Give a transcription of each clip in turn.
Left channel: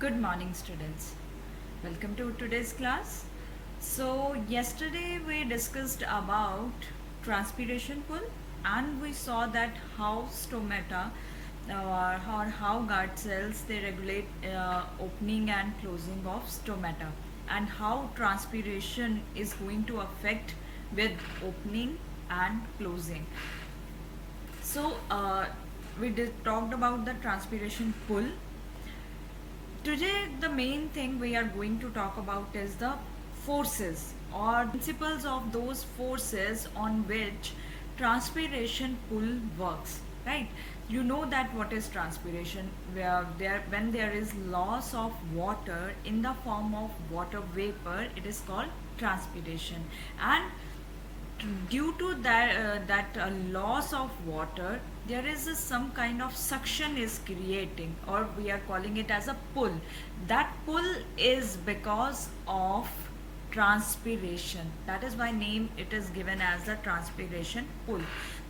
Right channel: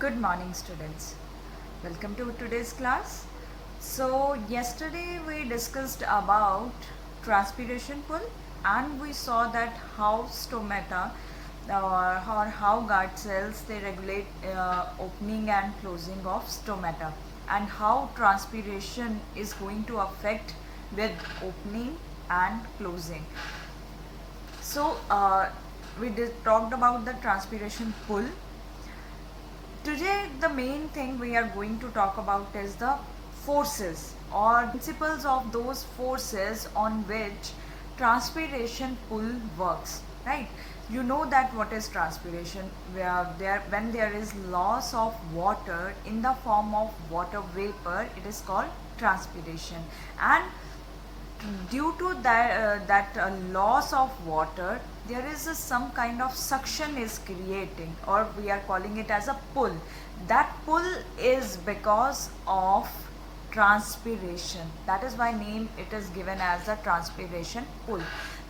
Good morning, students. Welcome to today's class. So, yesterday we discussed about transpiration pull and we saw that how stomata or how guard cells they regulate opening and closing of stomata and how transpiration is going to affect with opening and closing. So, talked about the transpiration pull. Today, the main thing we are going to talk about is the forces or principles of those forces on which transpiration pull works. Right? You know that what is transpiration, where when there is loss of water in the form of water vapor, it is called transpiration. And due to that loss of water, there is some kind of suction is creating, or we are calling it as a pull. That pull is because of transpiration. That is why name it is given as the transpiration pull.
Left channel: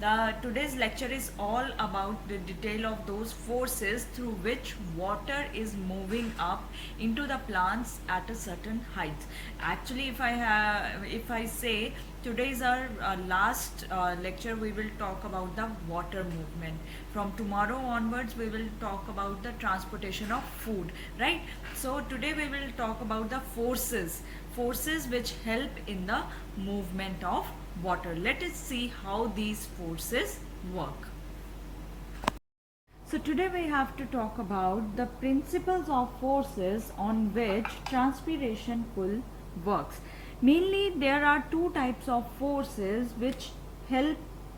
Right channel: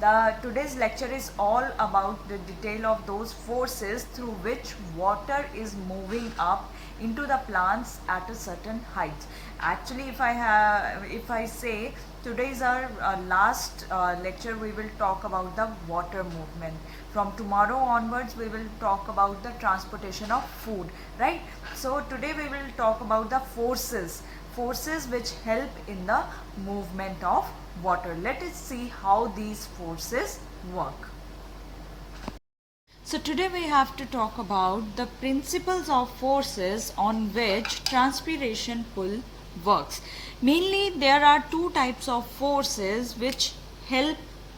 The today's lecture is all about the detail of those forces through which water is moving up into the plants at a certain height. Actually, if I say today is our last lecture, we will talk about the water movement. From tomorrow onwards, we will talk about the transportation of food, right? So today we will talk about the forces which help in the movement of water. Let us see how these forces work. So today we have to talk about the principles of forces on which transpiration pull works. Mainly there are two types of forces which help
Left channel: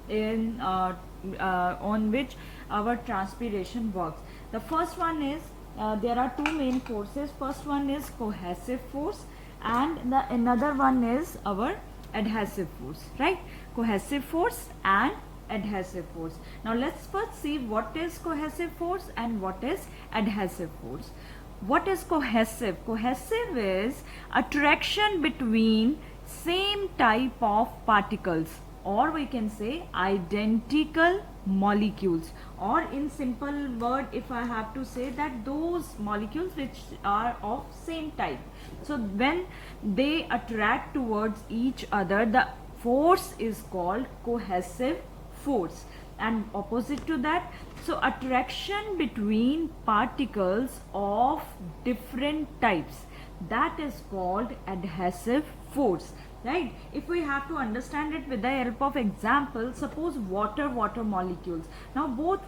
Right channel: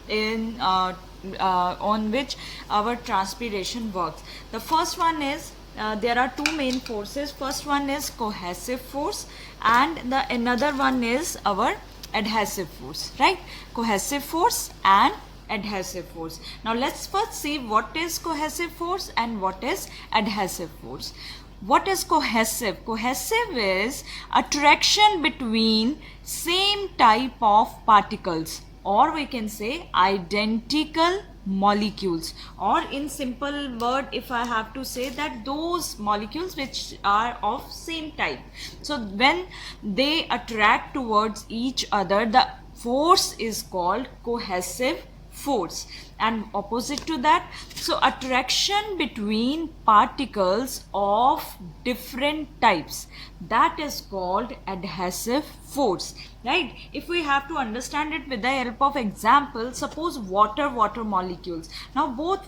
in on which our transpiration works. The first one is there are two main forces. First one is cohesive force and the another one is our adhesive force, right? Cohesive force and adhesive force. Now let's first see what is cohesive force and what is adhesive force. What is cohesive? Cohesive is attraction between same type of particles, or we can say identical molecules, or in simple word if I have to say that those molecules which are of same type. So when they attract towards each other, the force is called cohesive force. And opposite to that, so attraction between particles of different types, that is called adhesive force, right? If we have to understand it with the help of example, suppose water molecules. Now both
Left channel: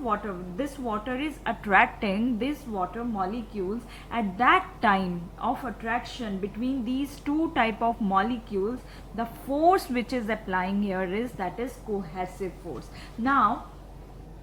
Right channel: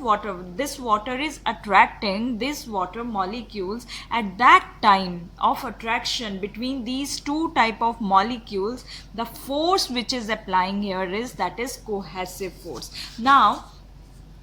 this water is attracting this water molecules. At that time of attraction between these two type of molecules, the force which is applying here is that is cohesive force. Now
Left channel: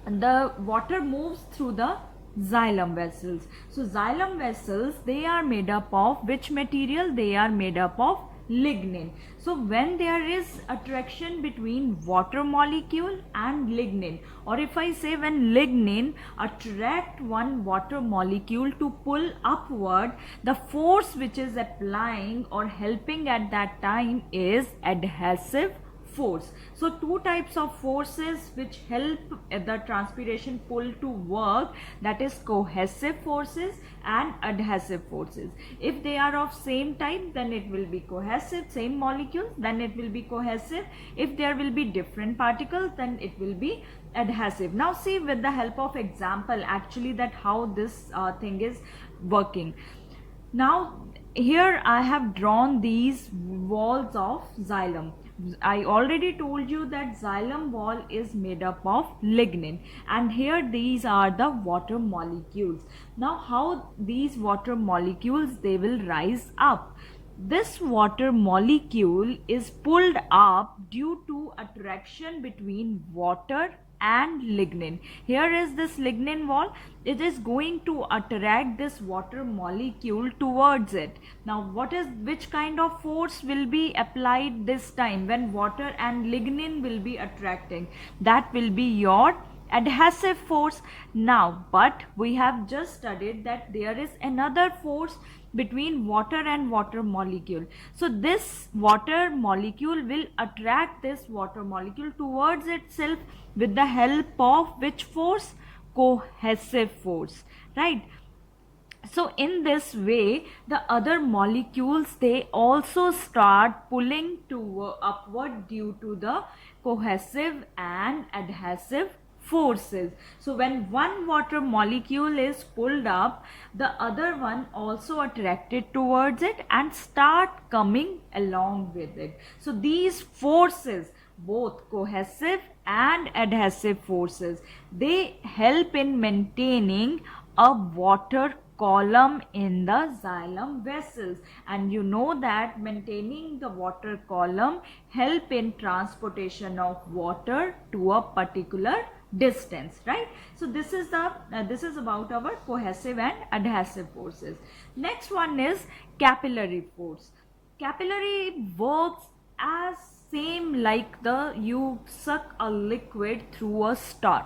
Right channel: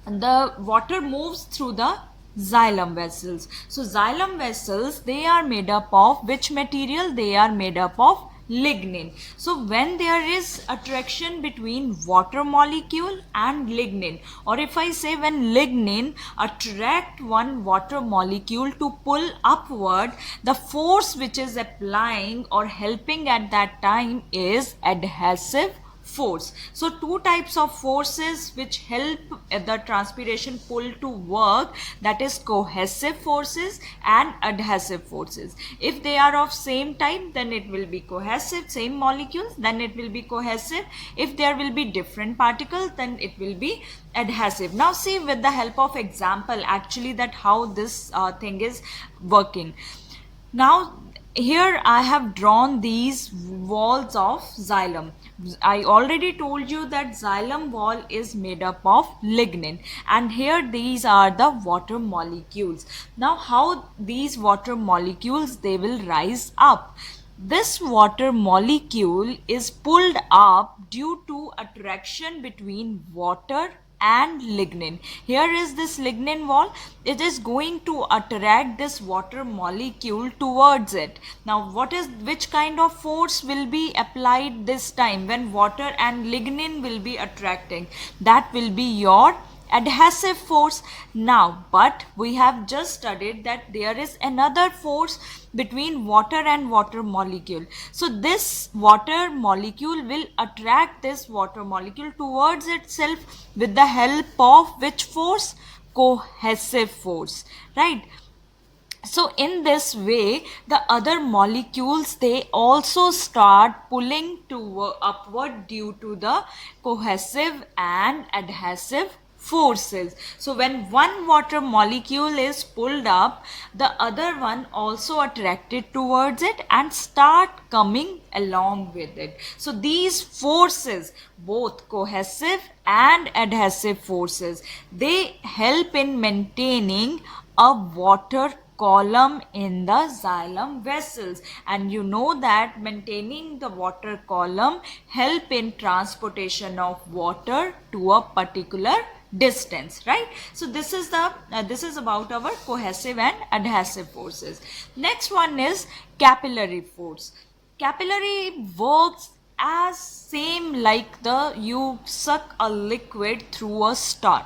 the water moves through the xylem vessels. So xylem vessels, they are made up of which material? They are made up of lignin. So when there is attraction between water molecule and lignin, or if I say when lignin attract one water molecule to pull upward, the force which is applying or helping at that time is adhesive force. So two types of forces which help the transpiration pull to work, that is cohesive forces and adhesive forces. If they are of same type, then it will be cohesive, same molecules, then it will be cohesive. If there will be different particles, then it will be adhesive. Now see with the help of example actually that how this thing is working. Now here I have drawn these walls of xylem. I already told you that xylem wall is made up of lignin, and here these are the water molecules. Now how these water molecules, they will rise up. This water molecule is pulled up due to attraction between water and lignin. Here is this lignin wall. It is going to attract this water molecule towards it. Now which kind of force will be applied this time when water and lignin will be attracting? That will be your adhesive force. Now but we have just studied that there is another force between water and water molecule. So this water molecule will attract this water molecule towards itself with the help of which force? Cohesive force, right? So in this way, the other molecules, they also start pulling to upward due to the cohesive and adhesive forces. So when one water molecule is pulled up, the other one also attracted towards it and start coming along with it. So these forces, both cohesive and adhesive forces, they help in maintaining a water column in the xylem vessels. And you know that maintaining the water column help in transportation of water to a particular distance, right? So this is the this is about our cohesive and adhesive forces. Next one is capillary force. Capillary works as same like the you suck a liquid through a straw.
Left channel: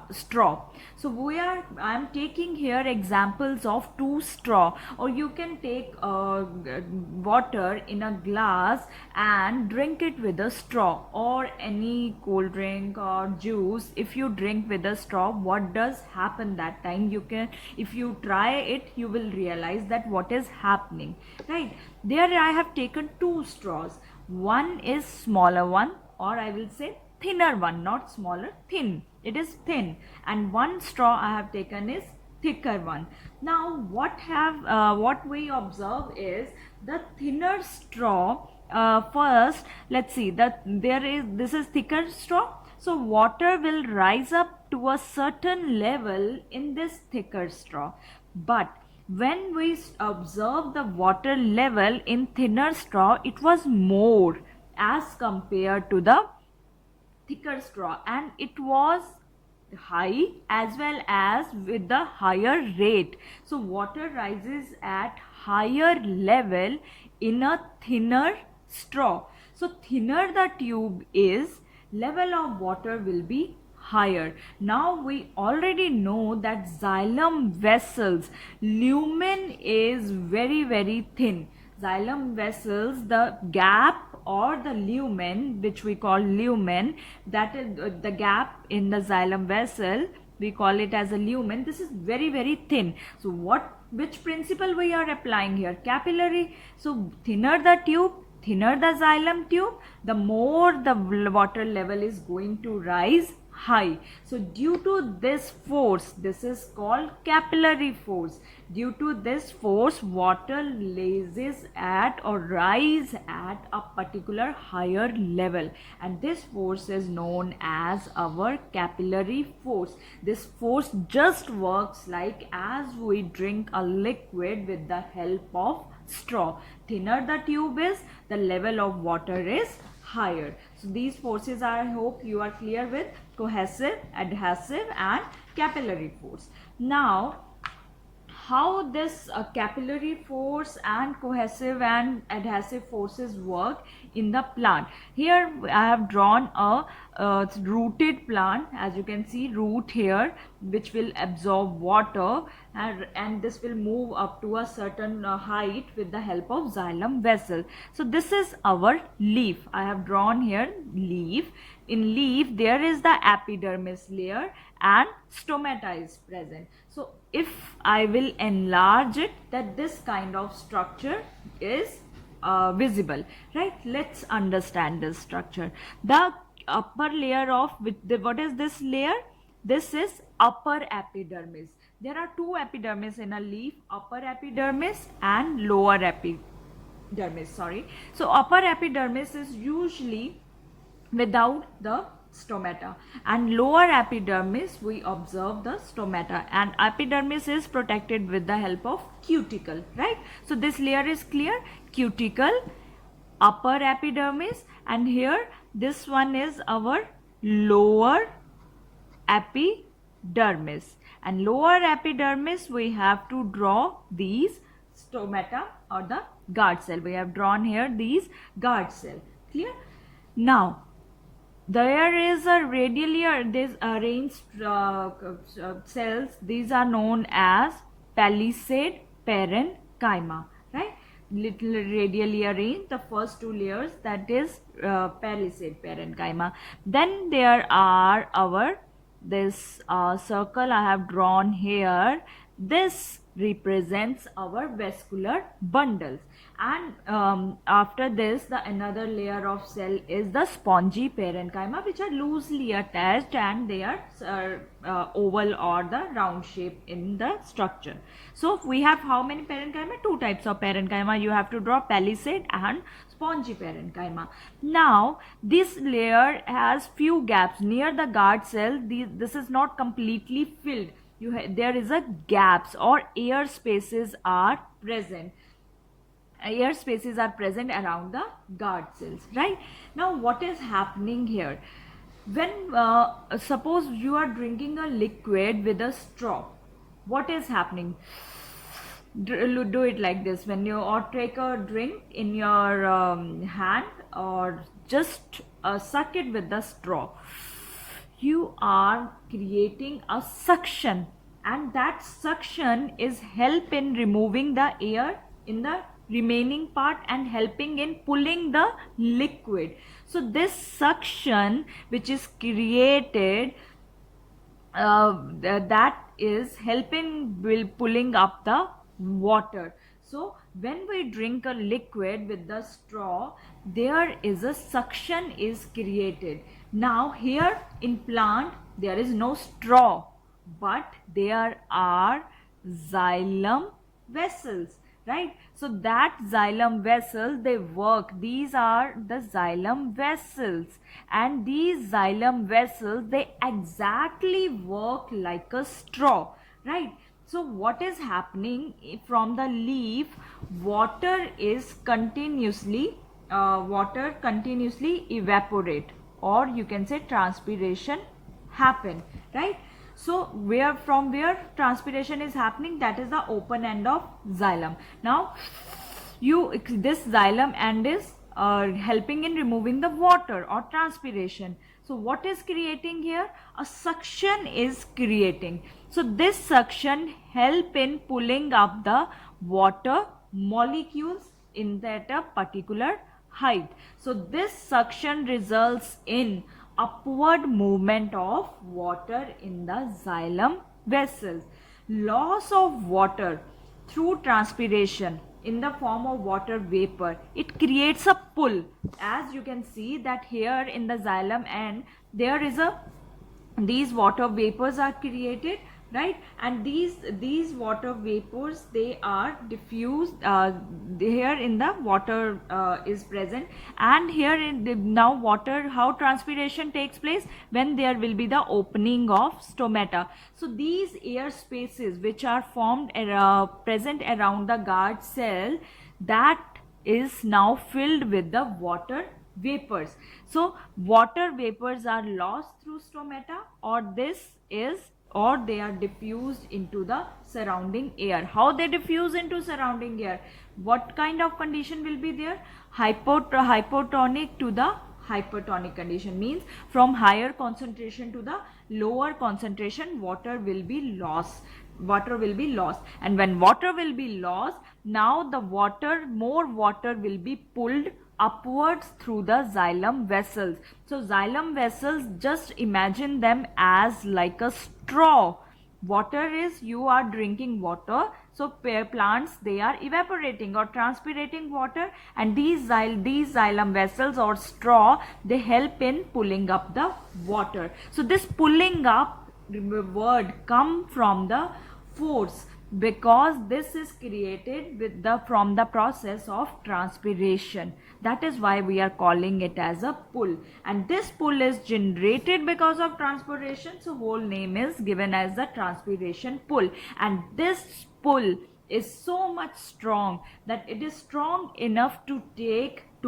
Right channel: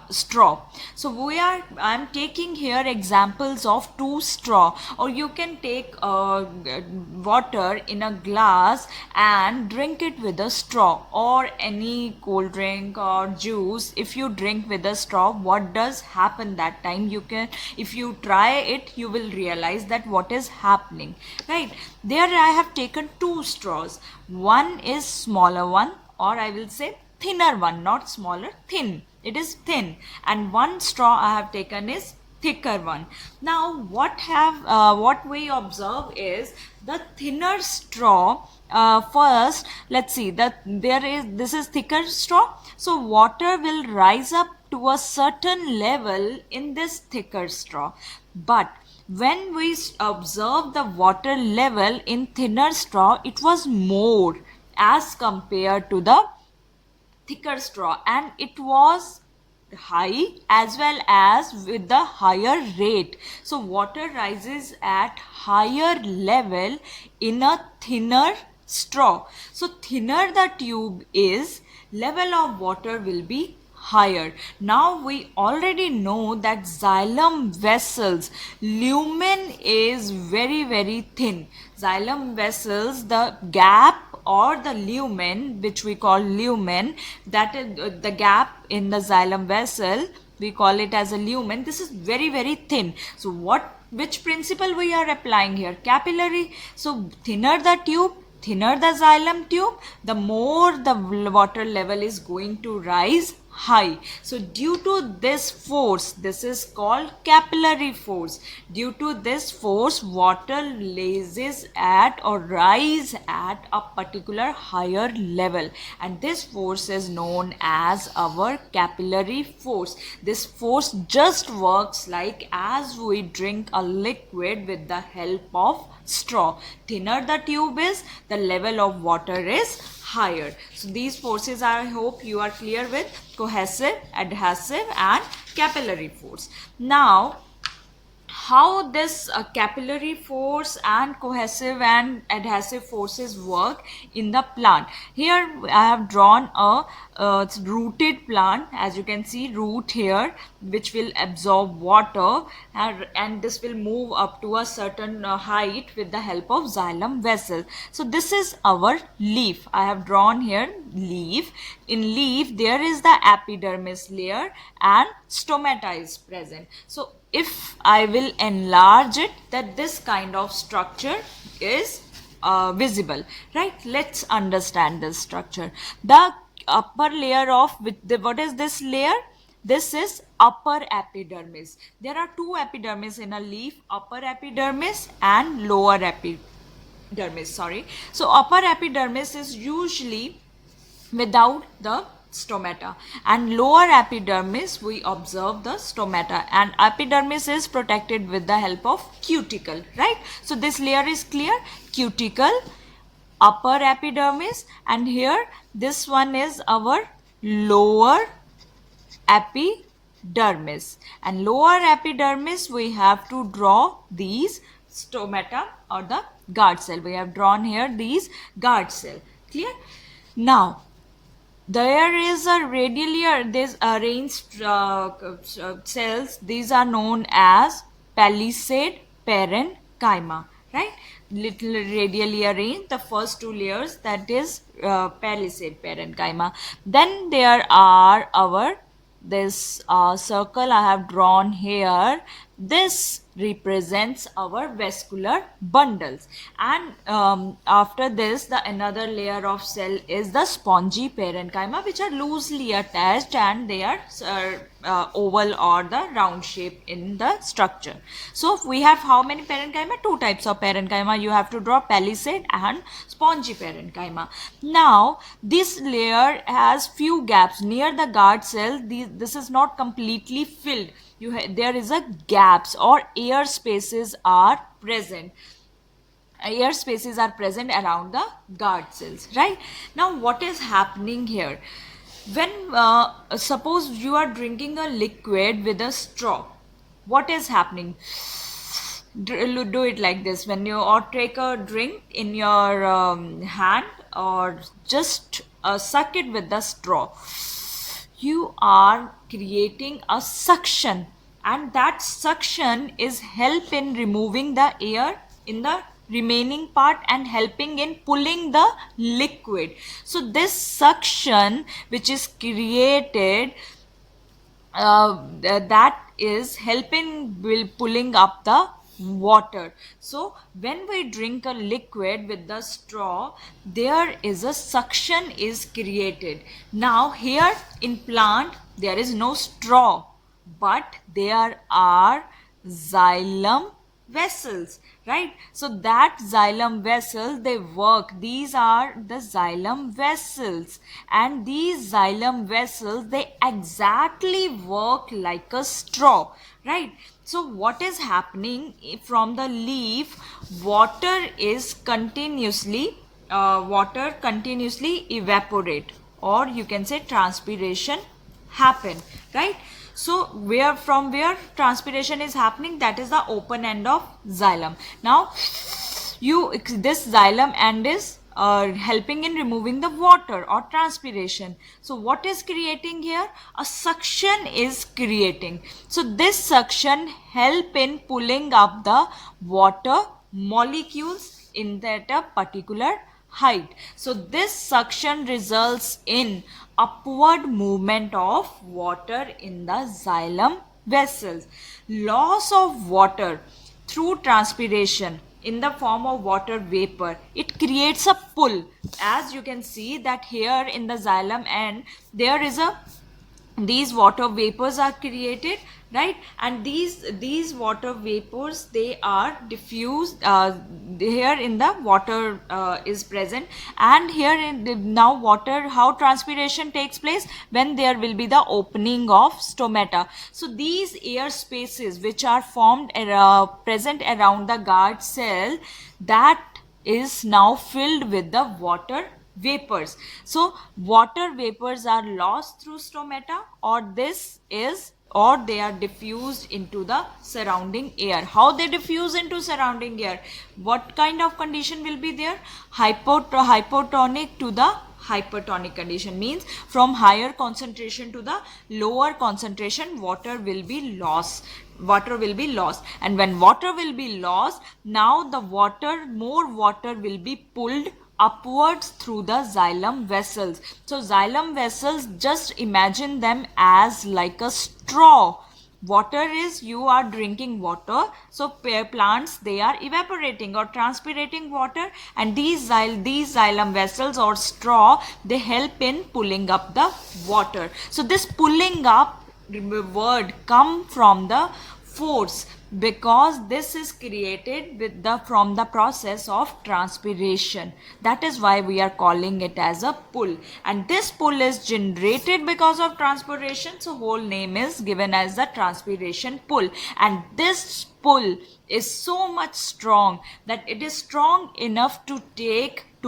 So I'm taking here examples of two straw, or you can take water in a glass and drink it with a straw, or any cold drink or juice. If you drink with a straw, what does happen that time? You can, if you try it, you will realize that what is happening, right? There I have taken two straws. One is smaller one, or I will say thinner one, not smaller, thin. It is thin. And one straw I have taken is thicker one. Now what we observe is the thinner straw. First, let's see that this is thicker straw. So water will rise up to a certain level in this thicker straw. But when we observe the water level in thinner straw, it was more as compared to the thicker straw, and it was high as well as with the higher rate. So water rises at higher level in a thinner straw. So thinner the tube is, level of water will be higher. Now we already know that xylem vessels lumen is very thin. Xylem vessels, the gap or the lumen, which we call lumen, that is the gap in the xylem vessel, we call it as a lumen. This is very thin. So which principle we are applying here? Capillary. So thinner the tube, thinner the xylem tube, the more the water level is going to rise high. So due to this force, this is called capillary force. Due to this force, water rises at or rise at a particular higher level, and this force is known as our capillary force. This force just works like as we drink a liquid with the help of straw. Thinner the tube is, the level of water is higher. So these forces, I hope you are clear with: cohesive, adhesive and capillary force. Now how this capillary force and cohesive and adhesive forces work in the plant. Here I have drawn a rooted plant. As you can see, root here which will absorb water, and this will move up to a certain height with the help of xylem vessel. So this is our leaf. I have drawn here leaf. In leaf there is the epidermis layer and stomata is present. So if I will enlarge it, that this kind of structure is visible, right? Let's understand this structure. The upper layer of what is this layer? This is upper epidermis. There are two epidermis in a leaf: upper epidermis and lower epidermis. So upper epidermis is usually without the stomata, and lower epidermis we observe the stomata, and epidermis is protected with the help of cuticle, right? So this layer is clear: cuticle, upper epidermis, and here this one is our lower epidermis. And lower epidermis we have to draw these stomata or the guard cell. We have drawn here these guard cell. Clear? Now there is a radially this arranged cells. These are known as palisade parenchyma, right? Little radially arranged, the first two layers, that is palisade parenchyma. Then there are our this circle I have drawn here. This represents our vascular bundles. And after this, the another layer of cell is the spongy parenchyma, which are loosely attached, and they are oval or the round shape in the structure. So we have how many parenchyma? Two types of parenchyma. You have to draw palisade and spongy parenchyma. Now this layer has few gaps near the guard cell. This is not completely filled. There is a gaps or air spaces are present. Air spaces are present around the guard cells, right? Now what is happening here? When suppose you are drinking a liquid with a straw, what is happening? Do it like this. When you or take a drink in your hand, or just suck it with the straw, you are creating a suction, and that suction is help in removing the air in the remaining part and helping in pulling the liquid. So this suction which is created, that is helping will pulling up the water. So when we drink a liquid with the straw, there is a suction is created. Now here in plant there is no straw, but there are xylem vessels, right? So that xylem vessels, they work. These are the xylem vessels, and these xylem vessels, they exactly work like a straw, right? So what is happening from the leaf? Water continuously evaporate, or you can say transpiration happen, right? So where transpiration is happening, that is the open end of xylem. Now this xylem end is helping in removing the water or transpiration. So what is creating here? A suction is creating. So this suction help in pulling up the water molecules in that a particular height. So this suction results in upward movement of water in the xylem vessels. Loss of water through transpiration in the form of water vapor, it creates a pull. As you can see that here in the xylem end, there is a these water vapors are created, right? And these water vapors, they are diffused here in the water is present. And here in now water, how transpiration takes place? When there will be the opening of stomata. So these air spaces which are formed present around the guard cell, that is now filled with the water vapors. So water vapors are lost through stomata, or they are diffused into the surrounding air. How they diffuse into surrounding air? What kind of condition will be there? Hypotonic to the hypertonic condition, means from higher concentration to the lower concentration, water will be lost. And when water will be lost, now the more water will be pulled upwards through the xylem vessels. So xylem vessels, just imagine them as like a straw. Water is, you are drinking water, so plants, they are evaporating or transpirating water, and these xylem vessels or straw, they help in pulling up the water. So this pulling up word come from the force, because this is created from the process of transpiration. That is why we are calling it as a pull, and this pull is generated because of transpiration. So whole name is given as the transpiration pull. And this pull is so much strong that it is strong enough to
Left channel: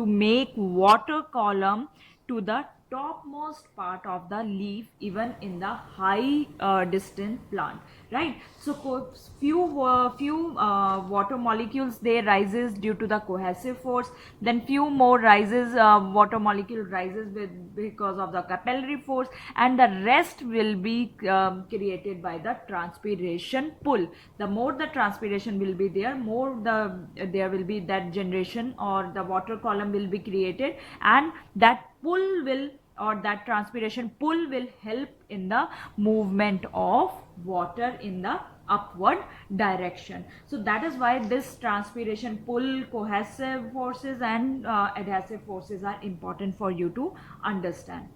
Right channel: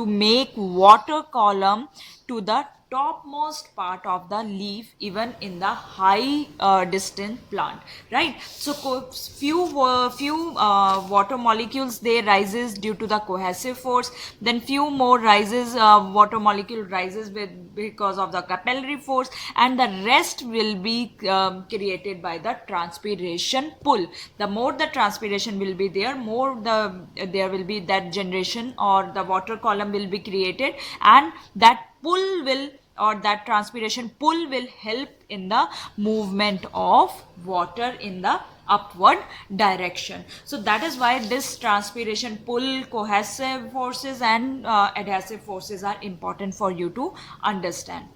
make water column to the topmost part of the leaf, even in the high distant plant, right? So few water molecules, they rises due to the cohesive force, then few more rises, water molecule rises because of the capillary force, and the rest will be created by the transpiration pull. The more the transpiration will be there, more there will be that generation, or the water column will be created, and that pull will, or that transpiration pull will help in the movement of water in the upward direction. So that is why this transpiration pull, cohesive forces and adhesive forces are important for you to understand.